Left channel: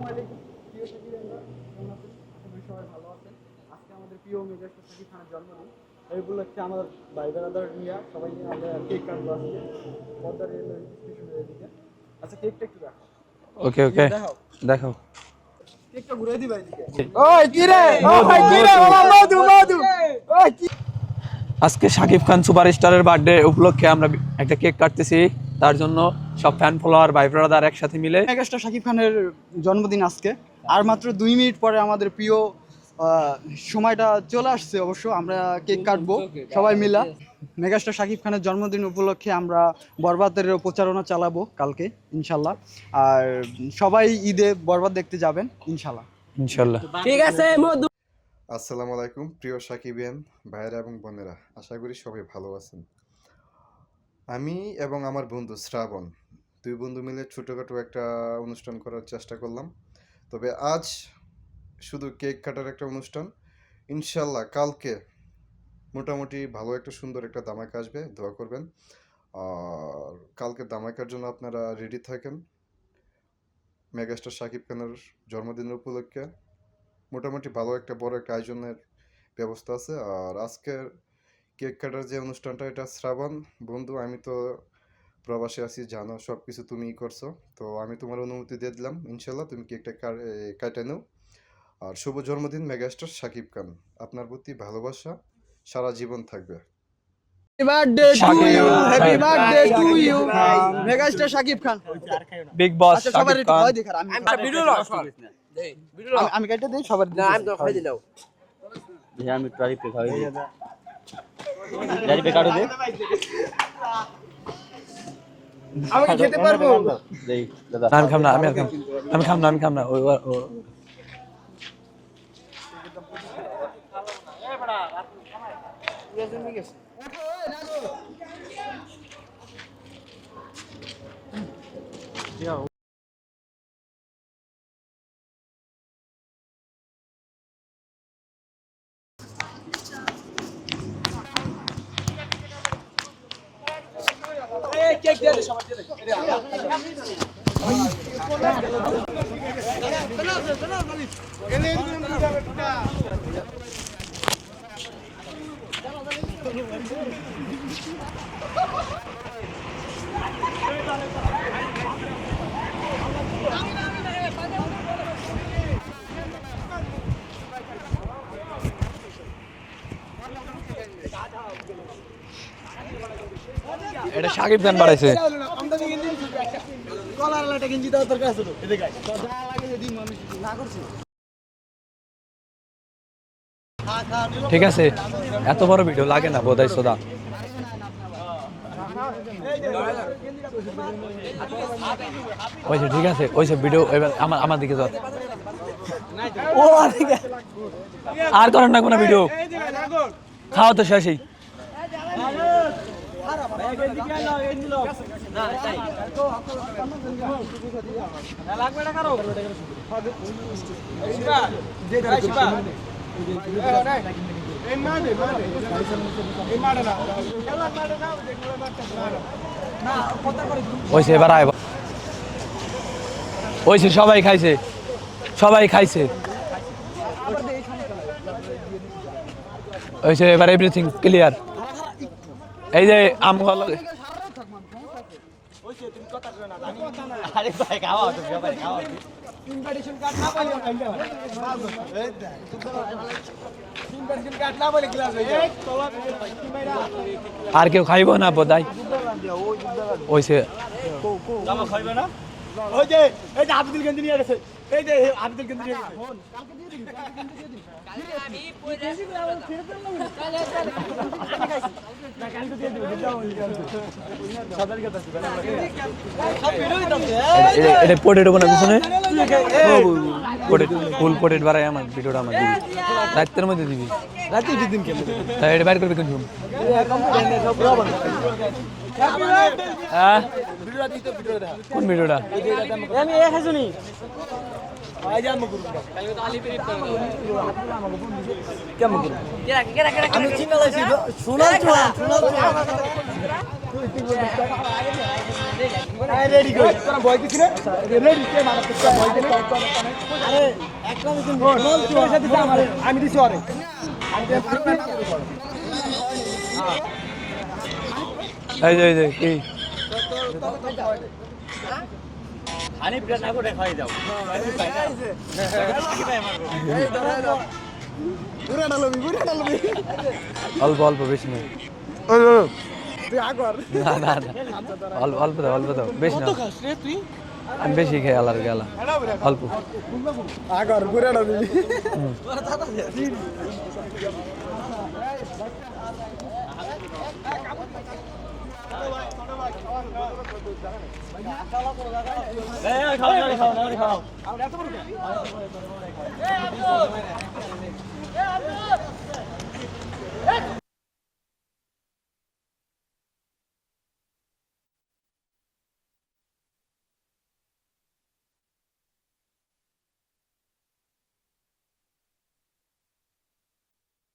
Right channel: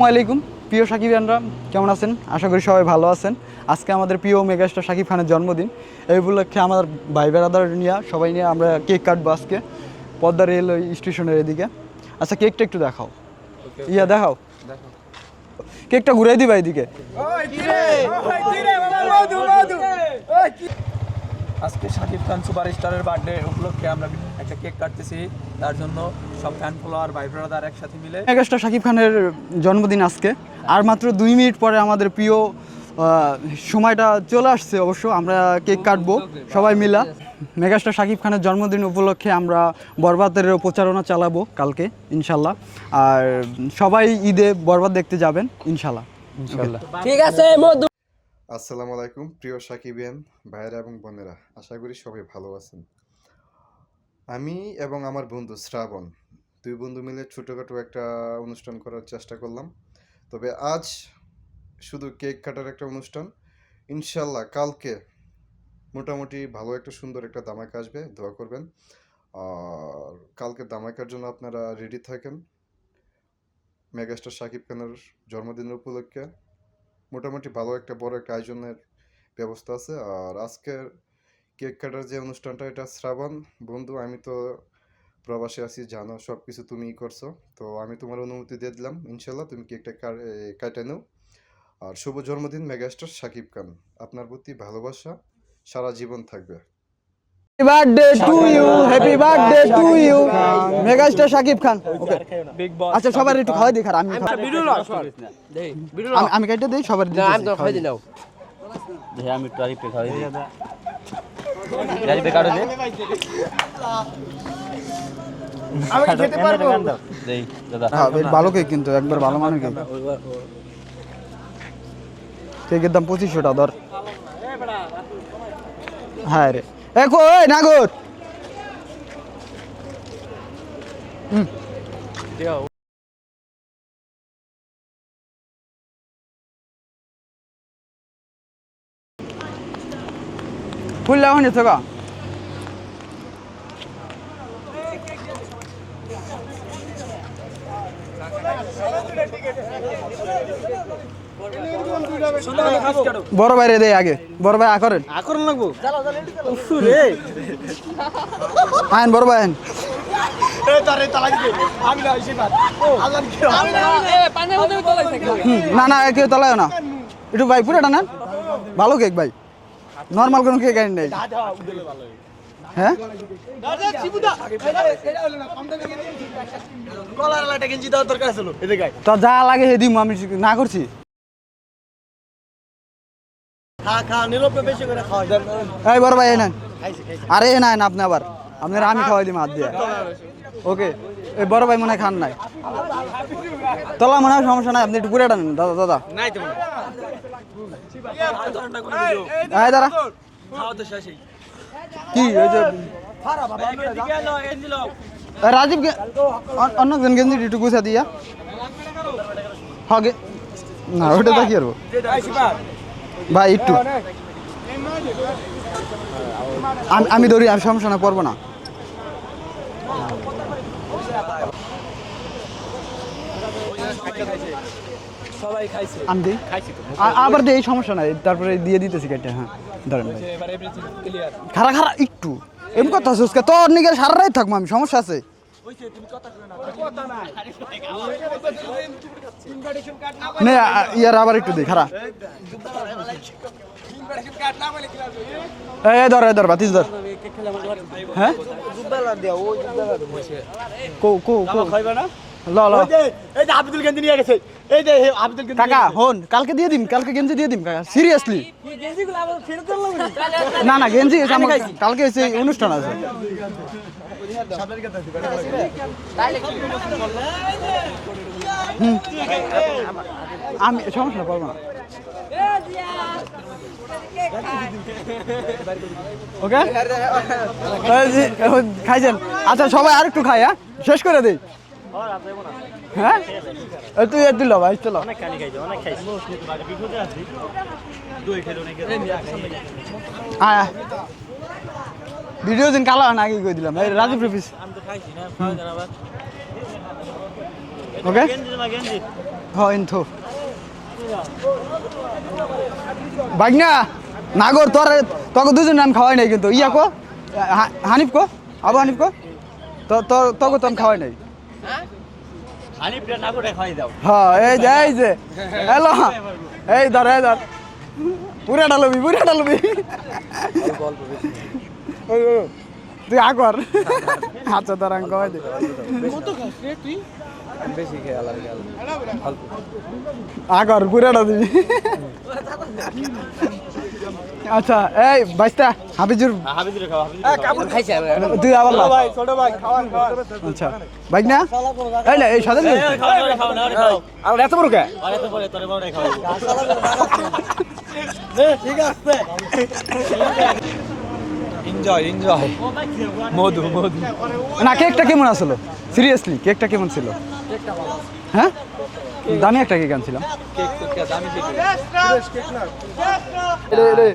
আসসালামু আলাইকুম। প্রিয় সাকিবিয়ানরা কেমন আছেন? আশা করি সবাই ভালো আছেন। আজকে আমাদের প্রিয় মেগাস্টার সাকিব খানের জন্মদিন। এই উপলক্ষে আমার ভাই বেড়াদার নিয়ে সবাই নিয়ে আমরা কেক কাটবো আজকে পদ্মা রেল স্টেশনের এদিকে। আচ্ছা কেকটা একটু দেখাও। ওকে ইয়া ওকে। দেখাও। কেকটা ঘুরে দিবা এদিকে। ওই কি রে? ওই কি রে? মধু মধু। ওই আজকে শাকিব খান সুপারস্টারের বার্থডে উপলক্ষে আমরা একটা কেক কাটতেছি। তার জন্য সব ফ্যান ফলোয়ার ভাই ব্রাদার একসাথে মিলে মেগাস্টার শাকিব খানের জন্মদিন আজকে। আর মাত্র দুই মিনিট পরে আমাদের প্রিয় সময়টা চলে আসছে অবশ্য আমরা কেক কাটবো সবাই মিলা। মেগাস্টার শাকিব খানের জন্মদিন উপলক্ষে আমরা বরবাদের প্রচারণা চালাবো কালকে ইনশাল্লাহ। আর সবাই ঈদে বরবাদ দেখতে যাবেন ইনশাল্লাহ। ইনশাল্লাহ। ঠিক আছে আসসালামু আলাইকুম প্রিয় সাকিবিয়ান ভাইয়েরা এবং বোনেরা আশা করি সবাই ভালো আছেন। আমি এবং আমার বন্ধু শ্রাবণ, দুই বন্ধু মিলে ছোটোখাটো একটা অনুষ্ঠান করার চেষ্টা করলাম। তবে আজ শুধু কেক কাটার একটা অনুষ্ঠান। ইনশাল্লাহ কালকে মোটামুটি ভালো একটা সুন্দর একটা দামাকা আসবে, দোয়া করবেন। আর কালকে দামাকার জন্য আপনারা রেডি থাকেন। মেগাস্টার সাকিব খানের জন্মদিনের উপলক্ষে। মোটামুটি ভালো একটা, বড় একটা আয়োজনের ব্যবস্থা আছে। আর আজকের কেক কাটার যে অনুষ্ঠানটা এটা শ্রাবণ। বন্ধু আমি তো প্রবাসে আছি জানো সব কিছু তুমিই করছ। তো আমি তোমার অনুমতি দিয়ে দিলাম ইনশাল্লাহ তুমি কেকটা কা- কাটে নাও। আর শুভ জন্মদিন মেগাস্টার সাকিব খান। আপনার প্রতি ভালোবাসা সারা জীবন থাকবে। Birthday to you happy you megastar Shakib Khan. Okay. Big boss আচ্ছা আমি কাটে দিই সবার খাওয়াই দিই। আমি একটু আরেকটু খাওয়াই দিই কাটো দে আমি খেতে পারব দেই দাদা ভালো কেক কিন্তু একবার ভালো মান কেকের দাম পঁচিশশো ধর হ্যাঁ রে এ কই নাগর খুললে হয়নি তো বড় ভাই রে দে আগে, বড় ভাই আকরেন আকরন লাগবো আইন বড় ভাই না না, কেউ তলায় না একটু ভাই, পুরোটা না ভালো কেক ভাই। নর্মাল কোনো কে গাড়ি নাই। হ্যাঁ? শাকিব খান বাড়াইছে। তো যা লাগে হে দিম আমি না করছি? ঠিক আছে। এত বড় এই বড় ভাই, না আরে না না আপনি আবার। আপনার আমি খাওয়াই দিম হাত দিয়ে। ওকে এই বড় ভাই মনে খান নাই। ওইসে ঠিক আছে ওইসব ভিডিও তোলা মনে হয় সমস্যা নাই আপনি একটু পুরোটা নেন দাদা দাদা। ও আর করেন না কোনো ভিডিও আয় দাঁড়া। খাও তো শেষই। কি ওই যে রাজীব অন্য জন গেঞ্জি একটু গুছা দিয়া। হগে না ওটা তো কি করব ভাই একটু। আমি- আমি ধরি আমি সমস্যা না পড়ব না। ওইসে এবার আয়। ওইসে সবাই খাইছে। সবাই খাইছে। আবার দিই সমস্যা নাই তারপরে দিয়ে দিতেছি কেটে হ্যাঁ। ওইসে এবার এভরিথিং ক্লিয়ার খারা খারা একটু। এই যে তোর নিকে সারা রাত থাকব আমি সমস্যা আছে। নে ইয়ার আবার একটু দিই খারা এই ধর এই ধর বাতিস ধর। আর কেউ খাইব না বোধহয়। ওইসে কো কো কো ল ল। কাকা হন কালকে দিয়ে দিম কালকে গেঞ্জি দিয়ে দিম কাকা সিরিয়াসলি না না গেঞ্জি কালকে হচ্ছে অনুষ্ঠান আছে এটা পোটেটো কোনো পিছনে। ফুল পোটেট বাড়াই আমার ভিডিওটা আমার দিবি। মধ্যে দিবি। তাই এটা বাইর করবি কোন ওকে? খাইছেন? আচ্ছা সবাই আর একটু খাই হ্যাঁ? শেষ করে দিই কোন ভিডিওটা? হ্যাঁ? তুই তুই লো ভাই চলো ভিডিও দিন কালো না আগে কই দিলাম। এই রাজু ওকে হয় তো বাইক না না গো তোর তোকে দুজন নাম খাওয়াই নাই কিন্তু। ইয়া কো হানিফ কো আবু তো- তোর তোকে তো খাওয়াই নাই। হ্যাঁ এই যে এই যে। হ্যালো এই ধর এই ধর। পুরা ডালবি পুরা ডালবি অল্প অল্প বেশি নেই। তুই আগর। আচ্ছা ধর না। আমি বেশি খাই আলার গেলা। অল্প। আগর পুরাটা দিবি। আচ্ছা এই বাইস্তা হাবিজুরে। খাওয়া খাইছে। তুই আবার আচ্ছা বাইক না এই না। এই খাও আর এত বড় কে? আরে তো পরে তোরে বড় খাওয়া এনজয় এনজয় মধু মধু। না, কেকটা কেমন আসলো? সিরিয়াসলি কেকটা কেমন ছিল? হ্যাঁ? দামি একটা কেক আনছিলাম। রে।